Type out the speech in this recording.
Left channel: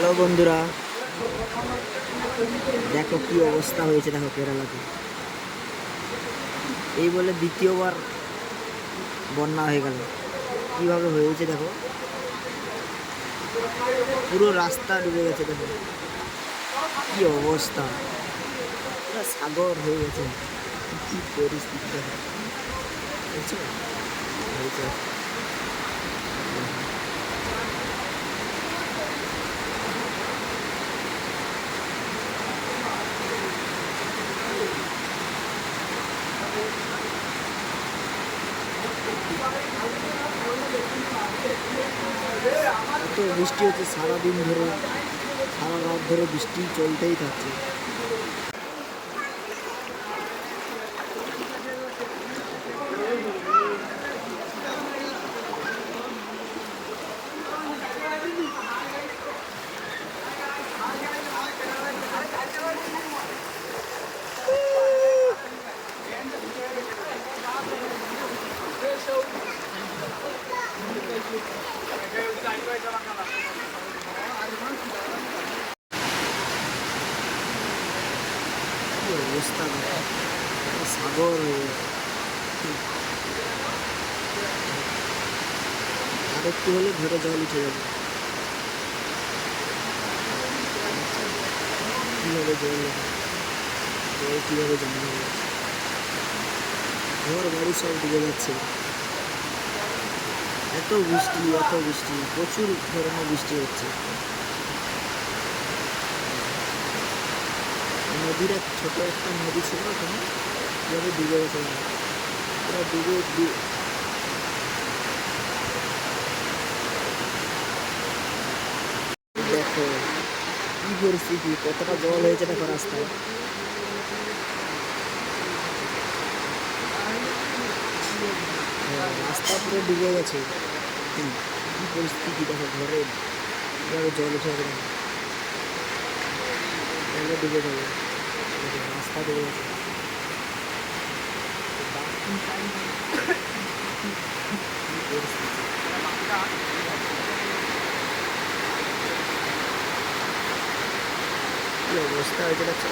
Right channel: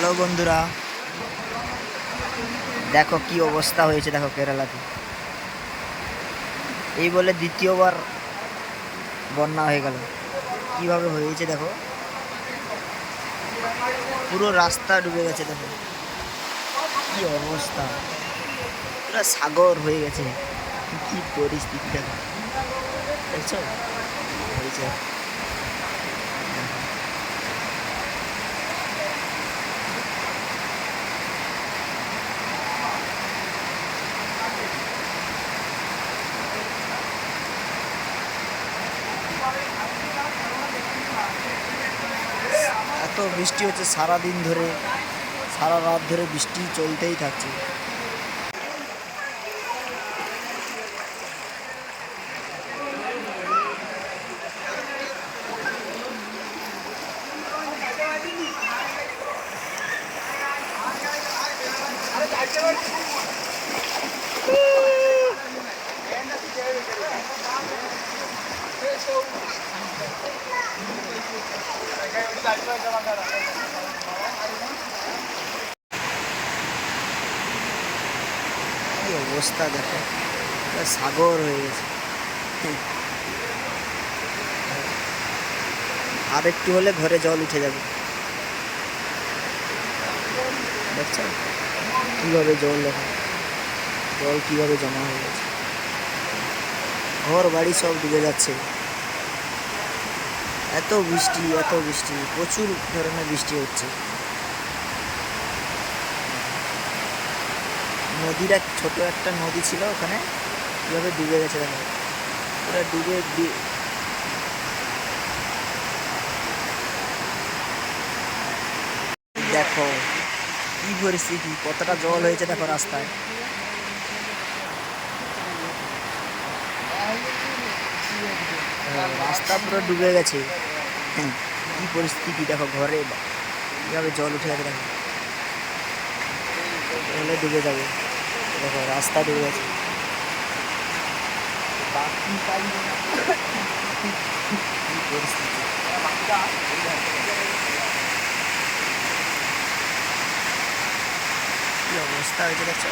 Hello বন্ধুরা। দেখো কি অবস্থা হয়েছে, দেখো কেরালাতে। এই বলে দ্বিতীয়বার বন্যা হয়ে গেল। কীভাবে হয়েছে দেখো? পুরো রাস্তা ডুবে গেছে দেখো। কি অবস্থা? পুরো সাগর হয়ে গেছে। কি পরিস্থিতি দেখো। হয়েছে। এত বৃষ্টি হচ্ছে সারা দিন ধরে সারা রাত ধরে বৃষ্টি চলতেই থাকছে। কি অবস্থা দেখো সাগর হয়ে গেছে। আর একটু হলে ঘরে জল উঠে যাবে। দেখছ কীভাবে জল দেখো জল কীভাবে জমা হয়ে গেছে? ঘর বাড়ি সব ডুবে যাচ্ছে। এত বৃষ্টি এত বৃষ্টি, প্রচুর ধরনের বৃষ্টি হচ্ছে। নদীর এক, ছোট একটা নদী ছিল ওখানে, কীভাবে ডুবে গেছে দেখো ওরা ডুবে। দেখো, কি পরিস্থিতি, কতটা জল হয়েছে দেখো রাস্তায়। রাস্তা পুরো ডুবে গেছে। কি পরিস্থিতি দেখো ঘরে। কীভাবে জল উঠে গেছে দেখো। এলে ডুবে যাবে। দেখো, রাস্তা ডুবে গেছে। অবস্থা হয়েছে দেখছ।